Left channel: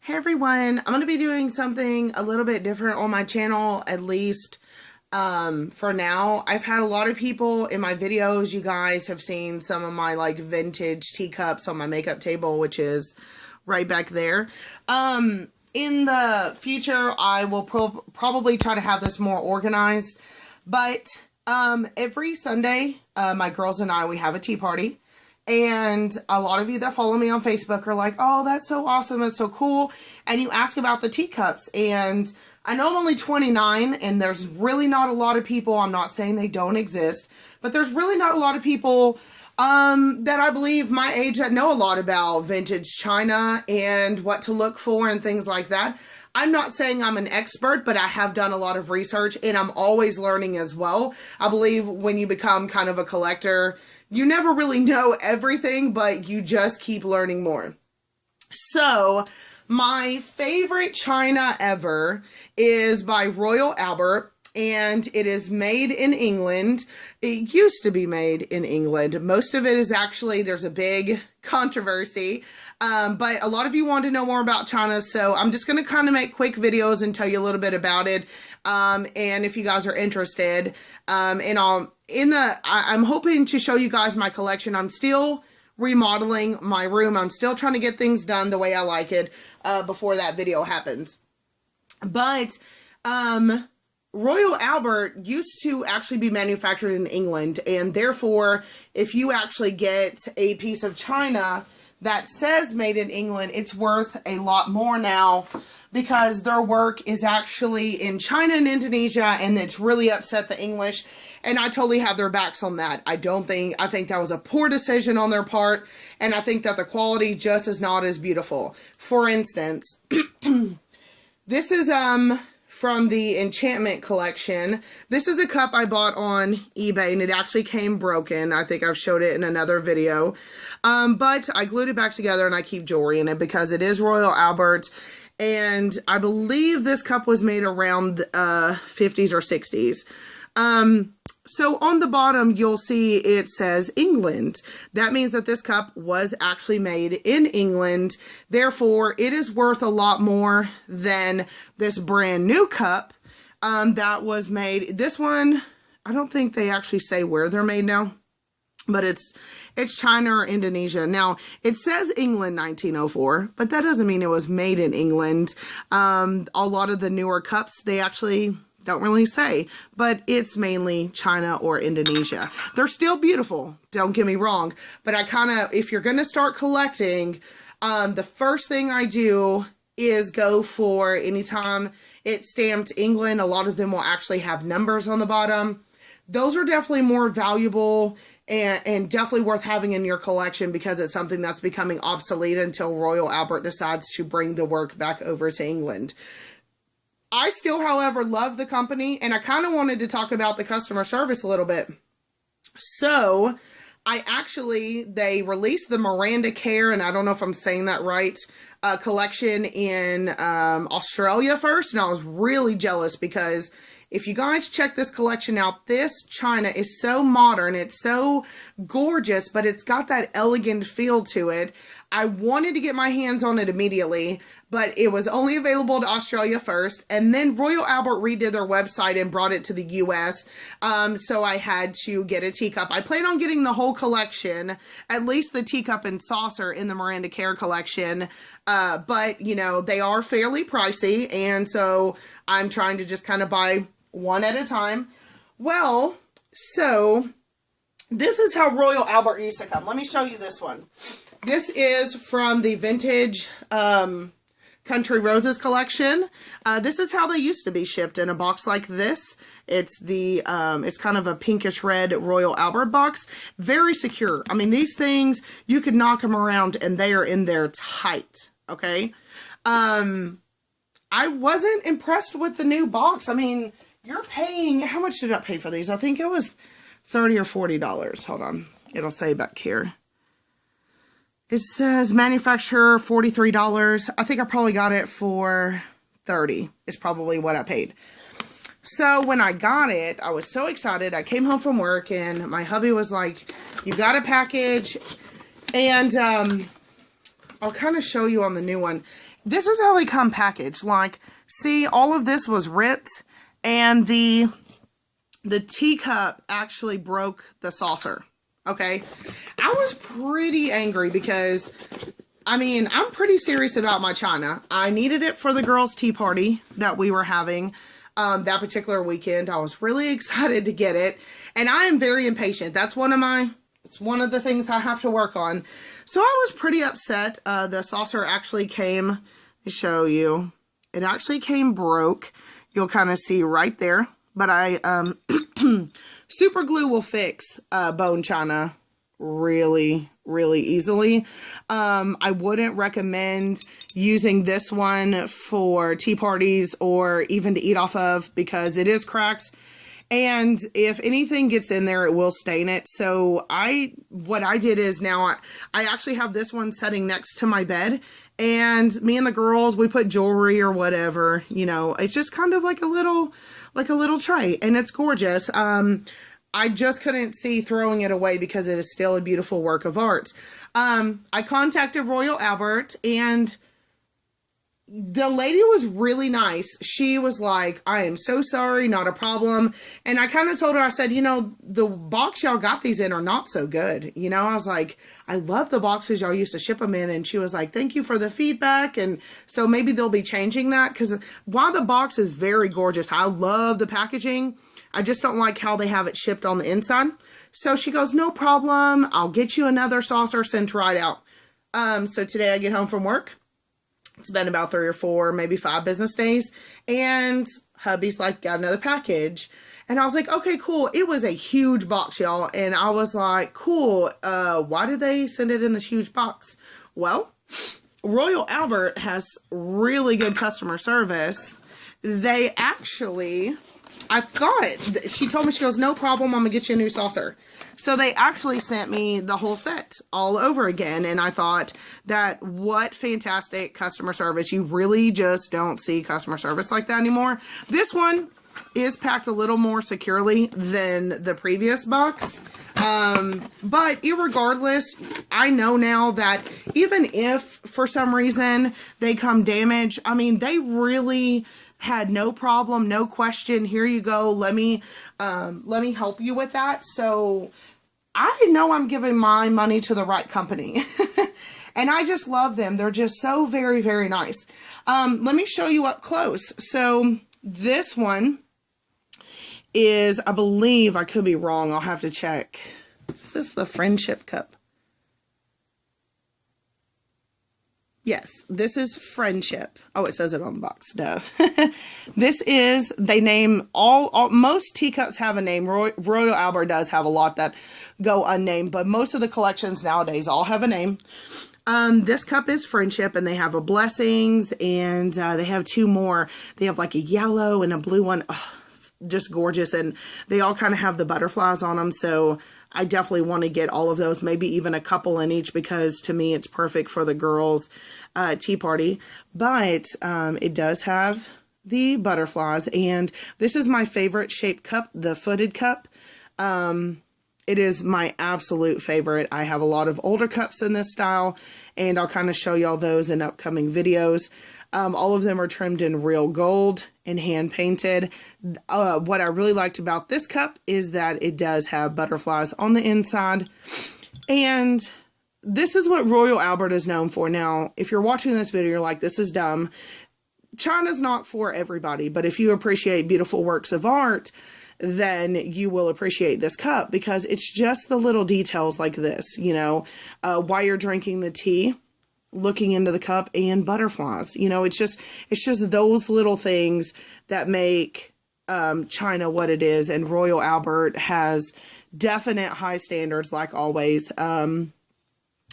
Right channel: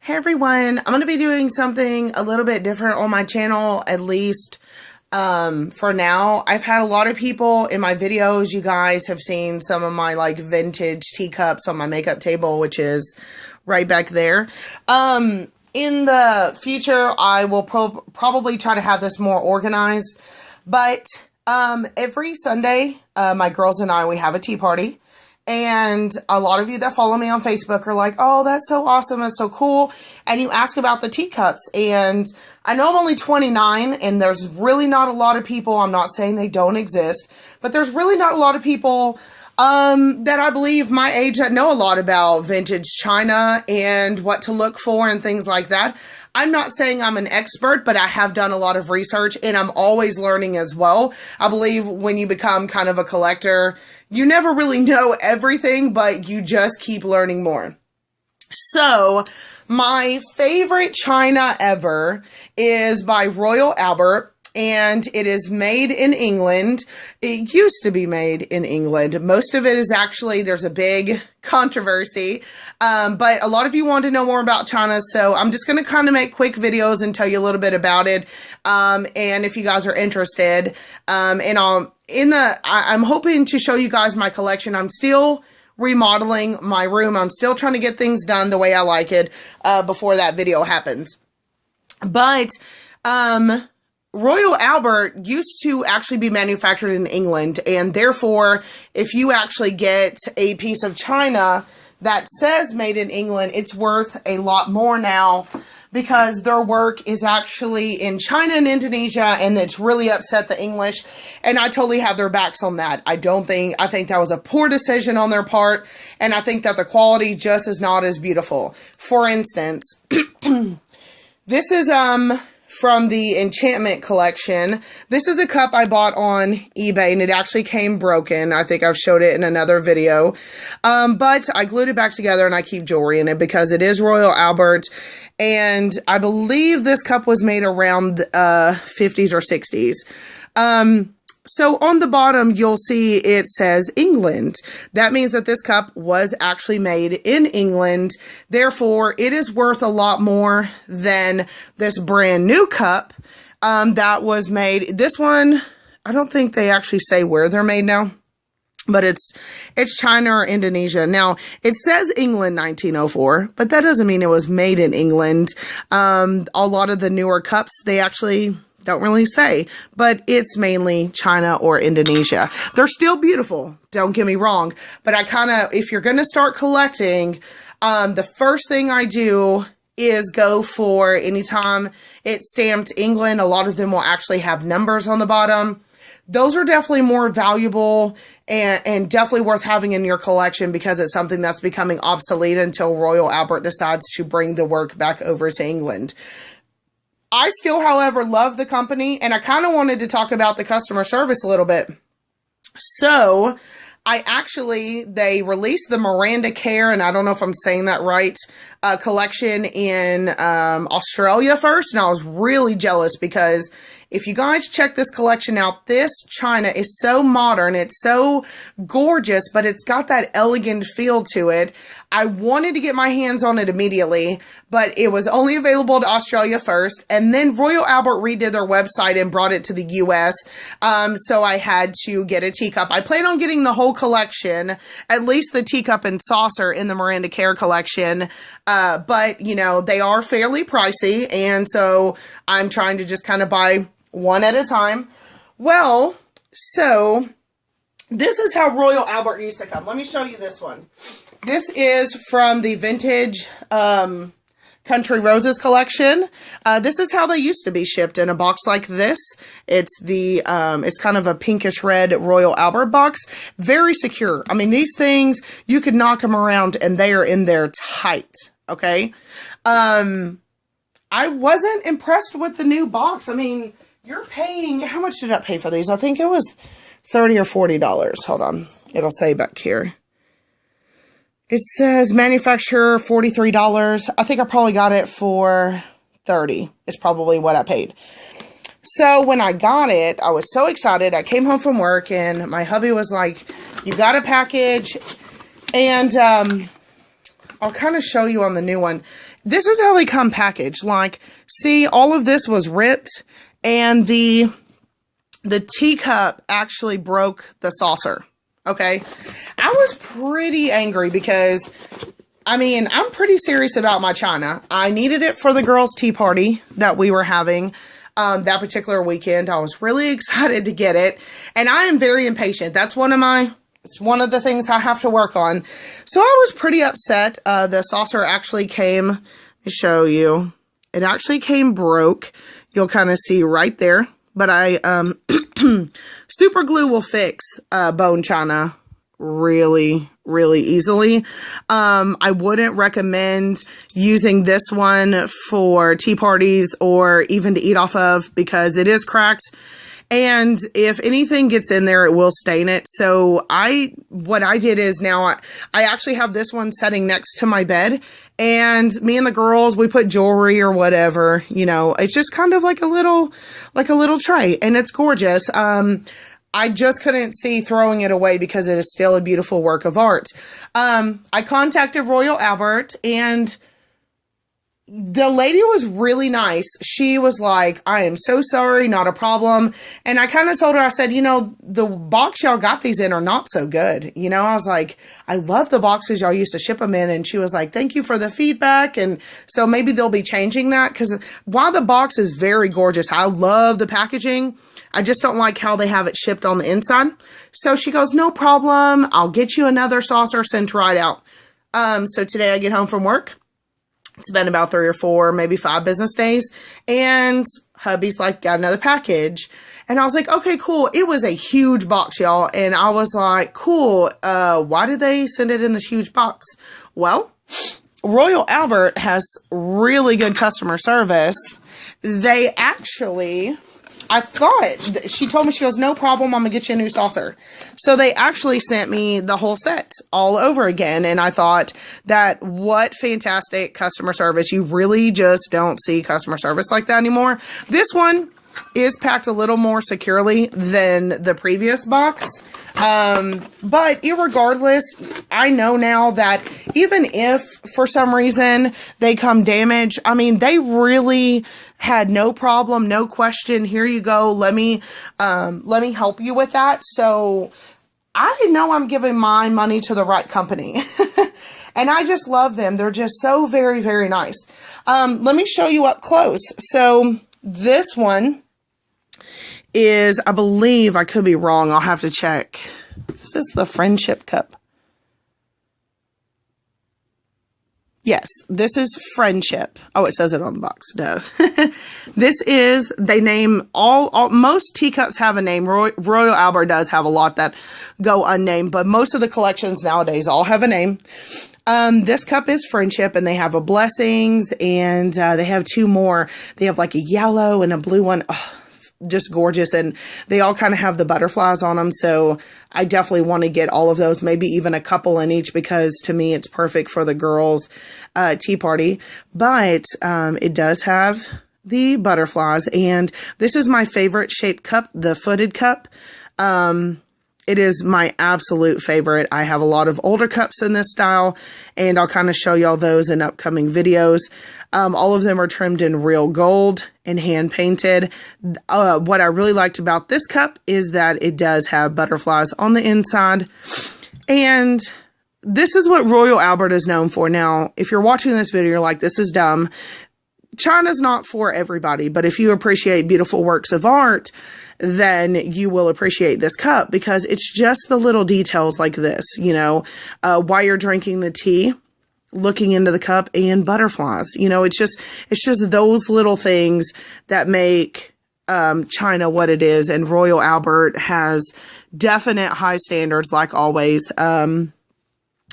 Hey everyone, I'm going to be doing something a little bit different on my channel, at least for now. I've had a lot of people in my videos. You guys have seen some of my like vintage teacups on my makeup table, which is right back there. In the future, I will probably try to have this more organized, but every Sunday, my girls and I, we have a tea party. And a lot of you that follow me on Facebook are like, oh, that's so awesome. That's so cool. And you ask about the teacups. And I know I'm only 29 and there's really not a lot of people. I'm not saying they don't exist, but there's really not a lot of people that I believe my age that know a lot about vintage china and what to look for and things like that. I'm not saying I'm an expert, but I have done a lot of research and I'm always learning as well. I believe when you become kind of a collector, you never really know everything, but you just keep learning more. So, my favorite china ever is by Royal Albert, and it is made in England. It used to be made in England. Most of it is actually, there's a big controversy, but a lot of you want to know more about china, so I'm just going to kind of make quick videos and tell you a little bit about it, and if you guys are interested, I'm hoping to show you guys my collection. I'm still remodeling my room. I'm still trying to get things done the way I like it before that video happens. But Royal Albert used to actually be manufactured in England, and therefore, if you actually get a piece of china that says made in England, it's worth a lot more now because their work is actually in China and Indonesia, and it's really upset the English, and I totally have their backs on that. I think that was a poor decision on their part, and I think that the quality just is not as beautiful. For instance, this is from the Enchantment collection. This is a cup I bought on eBay, and it actually came broken. I think I've showed it in another video, but I glued it back together, and I keep jewelry in it because it is Royal Albert. And I believe this cup was made around 50s or 60s. So on the bottom, you'll see it says England. That means that this cup was actually made in England. Therefore, it is worth a lot more than this brand new cup that was made. This one, I don't think they actually say where they're made now, but it's China or Indonesia. Now, it says England 1904, but that doesn't mean it was made in England. A lot of the newer cups, they actually don't really say, but it's mainly China or Indonesia. They're still beautiful, don't get me wrong, but if you're going to start collecting, the first thing I do is go for, anytime it's stamped England, a lot of them will actually have numbers on the bottom. Those are definitely more valuable and definitely worth having in your collection because it's something that's becoming obsolete until Royal Albert decides to bring the work back over to England. I still, however, love the company, and I kind of wanted to talk about the customer service a little bit. So, they released the Miranda Care, and I don't know if I'm saying that right, collection in Australia first, and I was really jealous because if you guys check this collection out, this china is so modern, it's so gorgeous, but it's got that elegant feel to it. I wanted to get my hands on it immediately, but it was only available to Australia first, and then Royal Albert redid their website and brought it to the US, so I had to get a teacup. I plan on getting the whole collection, at least the teacup and saucer in the Miranda Care collection, but, you know, they are fairly pricey, and so I'm trying to just kind of buy one at a time. Well, so this is how Royal Albert used to come. Let me show you this one. This is from the vintage Country Roses collection. This is how they used to be shipped in a box like this. It's kind of a pinkish red Royal Albert box. Very secure. I mean, these things, you could knock them around and they are in there tight. Okay. I wasn't impressed with the new box. I mean, you're paying, how much did I pay for these? I think it was $30 or $40. Hold on. It'll say back here. It says manufacturer $43. I think I probably got it for $30. It's probably what I paid. So when I got it, I was so excited. I came home from work and my hubby was like, you got a package. And I'll kind of show you on the new one. this is how they come packaged. Like, see, all of this was ripped, and the teacup actually broke the saucer. Okay. I was pretty angry because, I mean, I'm pretty serious about my china. I needed it for the girls' tea party that we were having that particular weekend. I was really excited to get it, and I am very impatient. That's it's one of the things I have to work on. So I was pretty upset. The saucer actually came, let me show you. It actually came broke. You'll kind of see right there. But super glue will fix bone china really, really easily. I wouldn't recommend using this one for tea parties or even to eat off of, because it is cracked. And if anything gets in there, it will stain it. So what I did is now I actually have this one setting next to my bed, and me and the girls, we put jewelry or whatever, you know, it's just kind of like a little tray, and it's gorgeous. I just couldn't see throwing it away because it is still a beautiful work of art. I contacted Royal Albert, and the lady was really nice. She was like, I am so sorry, not a problem. And I kind of told her, I said, you know, the box y'all got these in are not so good. You know, I was like, I love the boxes y'all used to ship them in. And she was like, thank you for the feedback. And so maybe they'll be changing that, because while the box is very gorgeous, I love the packaging, I just don't like how they have it shipped on the inside. So she goes, no problem. I'll get you another saucer sent right out. So today I get home from work. It's been about 3 or 4, maybe 5 business days. And hubby's like, got another package. And I was like, okay, cool. It was a huge box, y'all. And I was like, cool. Why did they send it in this huge box? Well, Royal Albert has really good customer service. They actually, I thought, she told me, she goes, no problem, I'm gonna get you a new saucer. So they actually sent me the whole set all over again. And I thought that what fantastic customer service. You really just don't see customer service like that anymore. This one is packed a little more securely than the previous box. But irregardless, I know now that even if for some reason they come damaged, I mean, they really had no problem, no question. Here you go. Let me help you with that. So I know I'm giving my money to the right company. And I just love them. They're just so very, very nice. Let me show you up close. So this one is, I believe, I could be wrong, I'll have to check. Is this the Friendship Cup? Yes, this is Friendship. Oh, it says it on the box. Duh. This is, they name most teacups have a name. Royal Albert does have a lot that go unnamed, but most of the collections nowadays all have a name. This cup is Friendship, and they have a Blessings, and they have 2 more. They have like a yellow and a blue one. Oh, just gorgeous. And they all kind of have the butterflies on them. So I definitely want to get all of those, maybe even a couple in each, because to me, it's perfect for the girls' tea party. But it does have the butterflies, and this is my favorite shaped cup, the footed cup. It is my absolute favorite. I have a lot of older cups in this style, and I'll kind of show y'all those in upcoming videos. All of them are trimmed in real gold and hand painted. What I really liked about this cup is that it does have butterflies on the inside. And this is what Royal Albert is known for. Now, if you're watching this video, you're like, this is dumb. China's not for everybody, but if you appreciate beautiful works of art, then you will appreciate this cup, because it's just the little details like this, you know, while you're drinking the tea, looking into the cup, and butterflies. You know, it's just those little things that make China what it is. And Royal Albert has definite high standards, like always.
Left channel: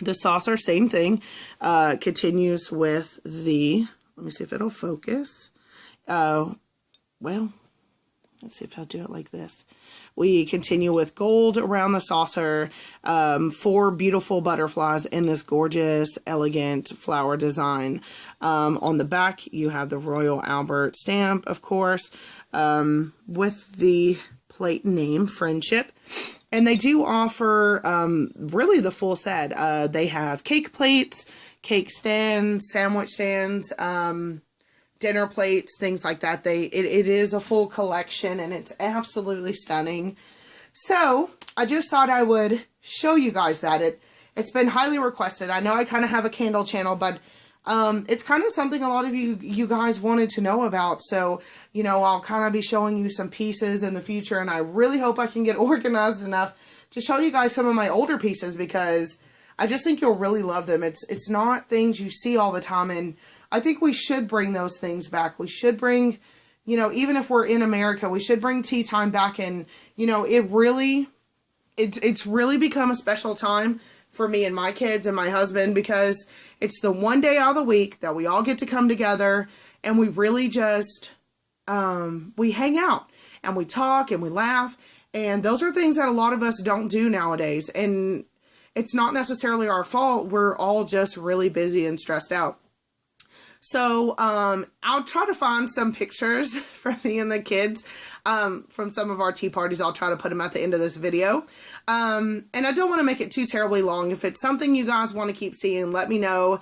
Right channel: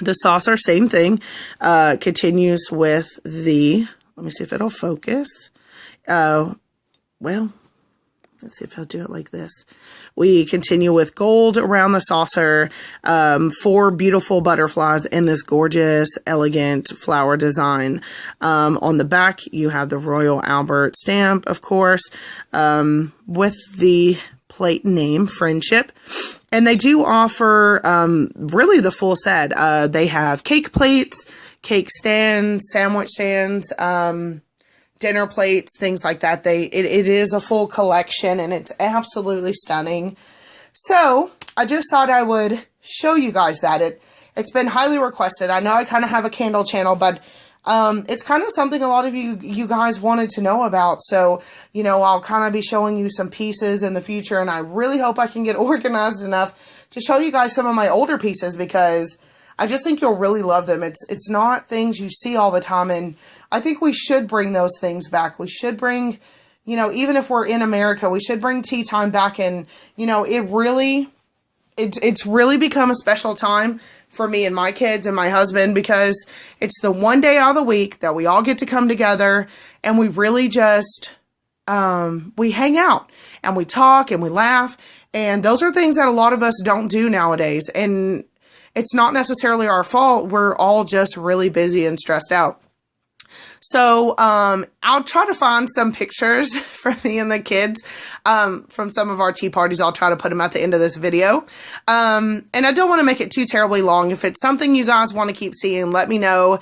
The saucer, same thing, continues with the, let me see if it'll focus. Well, let's see if I'll do it like this. We continue with gold around the saucer, 4 beautiful butterflies in this gorgeous, elegant flower design. On the back, you have the Royal Albert stamp, of course, with the plate name, Friendship. And they do offer really the full set. They have cake plates, cake stands, sandwich stands, dinner plates, things like that. It is a full collection, and it's absolutely stunning. So I just thought I would show you guys that. It's been highly requested. I know I kind of have a candle channel, but it's kind of something a lot of you guys wanted to know about. So, you know, I'll kind of be showing you some pieces in the future, and I really hope I can get organized enough to show you guys some of my older pieces, because I just think you'll really love them. It's not things you see all the time, and I think we should bring those things back. We should bring, you know, even if we're in America, we should bring tea time back. And, you know, it's really become a special time for me and my kids and my husband, because it's the one day out of the week that we all get to come together, and we really just, we hang out and we talk and we laugh. And those are things that a lot of us don't do nowadays. And it's not necessarily our fault. We're all just really busy and stressed out. So, I'll try to find some pictures from me and the kids, from some of our tea parties. I'll try to put them at the end of this video. And I don't want to make it too terribly long. If it's something you guys want to keep seeing, let me know.